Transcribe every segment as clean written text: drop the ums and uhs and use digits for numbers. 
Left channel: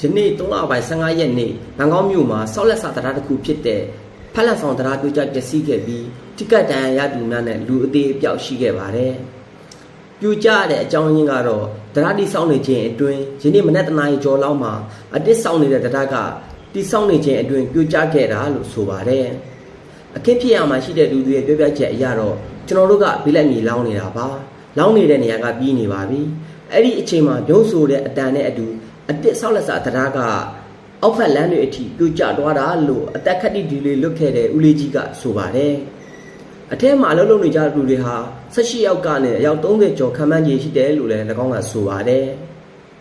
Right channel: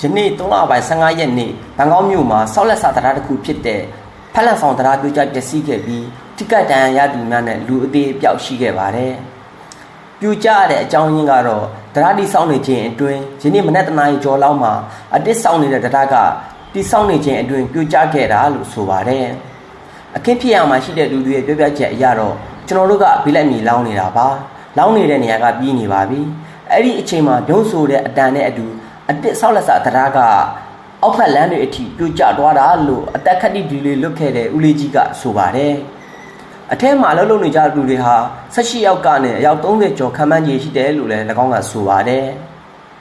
ယနေ့3လပိုင်း15ရက်နေ့ဘန်ကောက်မြို့မှာဆောက်လက်စာတရားတစ်ခုဖြစ်တဲ့ဖက်လန်ဆောင်တရားပြိုကျပျက်စီးခဲ့ပြီးထိခိုက်ဒဏ်ရာရသူများနဲ့လူအသေးအပျောက်ရှိခဲ့ပါတယ်။ပြိုကျတဲ့အကြောင်းရင်းကတော့တရားတိစောင့်နေခြင်းအတွင်းယနေ့မနက်တနာရီကျော်လောက်မှာအတစ်ဆောင်နေတဲ့တရားကတိစောင့်နေခြင်းအတွင်းပြိုကျခဲ့တာလို့ဆိုပါတယ်။အခင်းဖြစ်ရမှာရှိတဲ့လူတွေရဲ့ပြောပြချက်အရတော့ကျွန်တော်တို့ကဘေးလက်မီလောင်းနေတာပါ။လောင်းနေတဲ့နေရာကပြီးနေပါပြီ။အဲ့ဒီအချိန်မှာပြုံးဆိုတဲ့အတန်နဲ့အတူအတစ်ဆောက်လက်စာတရားကအောက်ဖက်လမ်းတွေအထိပြိုကျသွားတာလို့အသက်ခက်တိဒီလေးလွတ်ခဲ့တဲ့ဦးလေးကြီးကဆိုပါတယ်။အထက်မှာလှုပ်လှုပ်နေကြတဲ့လူတွေဟာ18ယောက်ကနေအယောက်30ကျော်ခန့်မှန်းကြီးရှိတယ်လို့လည်း၎င်းကဆိုပါတယ်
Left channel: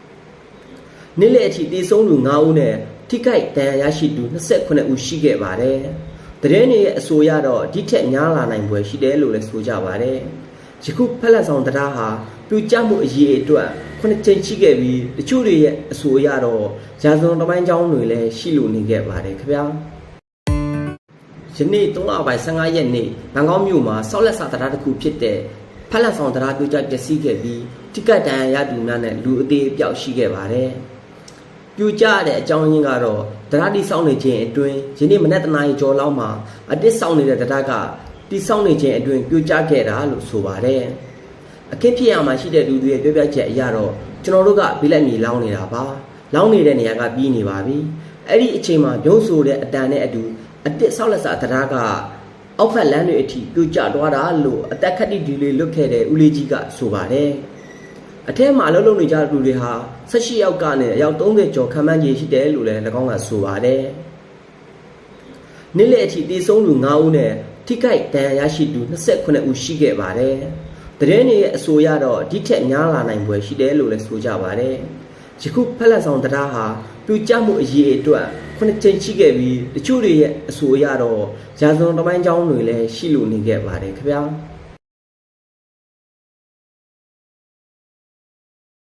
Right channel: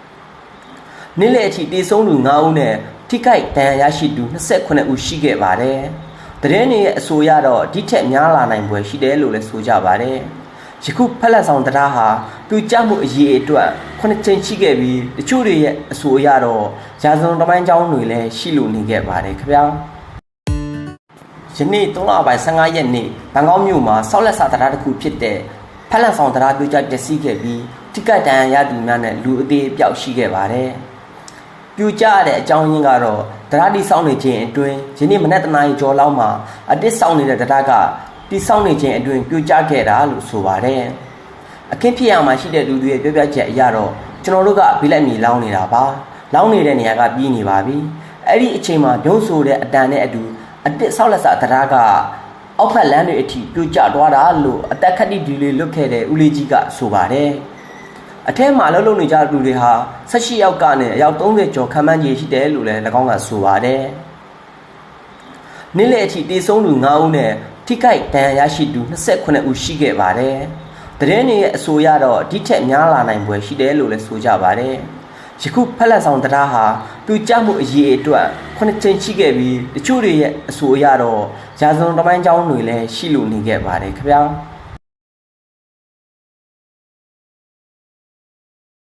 ။နေ့လယ်အထိတေဆုံးလူ9ဦးနဲ့ထိခိုက်ဒဏ်ရာရရှိသူ29ဦးရှိခဲ့ပါတယ်။တရင်တွေရဲ့အဆိုအရတော့ဒီထက်များလာနိုင်ပွဲရှိတယ်လို့လည်းဆိုကြပါတယ်။ယခုဖက်လက်ဆောင်တရားဟာပြိုကျမှုအရေးအတွက်9ချိန်ရှိခဲ့ပြီးတချို့တွေရဲ့အဆိုအရတော့ရာဇဝင်တမိုင်းကြောင်းတွေလည်းရှိလို့နေခဲ့ပါတယ်ခင်ဗျာယနေ့3လပိုင်း15ရက်နေ့ဘန်ကောက်မြို့မှာဆောက်လက်စာတရားတစ်ခုဖြစ်တဲ့ဖက်လက်ဆောင်တရားပြိုကျပျက်စီးခဲ့ပြီးထိခိုက်ဒဏ်ရာရသူများနဲ့လူအသေးအပျောက်ရှိခဲ့ပါတယ်ပြိုကျတဲ့အကြောင်းရင်းကတော့တရားတိစောင့်နေခြင်းအတွင်းယနေ့မနက်တနာရီကျော်လောက်မှာအတစ်ဆောင်နေတဲ့တရားကတိစောင့်နေခြင်းအတွင်းပြိုကျခဲ့တာလို့ဆိုပါတယ်အခင်းဖြစ်ရမှာရှိတဲ့လူတွေရဲ့ပြောပြချက်အရတော့ကျွန်တော်တို့ကဘေးလက်မီလောင်းနေတာပါလောင်းနေတဲ့နေရာကပြီးနေပါပြီအဲ့ဒီအချိန်မှာပြုံးဆိုတဲ့အတန်နဲ့အတူအတစ်ဆောက်လက်စာတရားကအောက်ဖက်လမ်းတွေအထိပြိုကျသွားတာလို့အသက်ခက်တိဒီလေးလွတ်ခဲ့တဲ့ဦးလေးကြီးကဆိုပါတယ်အထက်မှာလှုပ်လှုပ်နေကြတဲ့လူတွေဟာ18ယောက်ကနေအယောက်30ကျော်ခန့်မှန်းကြီးရှိတယ်လို့လည်း၎င်းကဆိုပါတယ်နေ့လယ်အထိတေဆုံးလူ9ဦးနဲ့ထိခိုက်ဒဏ်ရာရရှိသူ29ဦးရှိခဲ့ပါတယ်။တရင်တွေရဲ့အဆိုအရတော့ဒီထက်များလာနိုင်ပွဲရှိတယ်လို့လည်းဆိုကြပါတယ်။ယခုဖက်လက်ဆောင်တရားဟာပြိုကျမှုအရေးအတွက်9ချိန်ရှိခဲ့ပြီးတချို့တွေရဲ့အဆိုအရတော့ရာဇဝင်တမိုင်းကြောင်းတွေလည်းရှိလို့နေခဲ့ပါတယ်ခင်ဗျာ။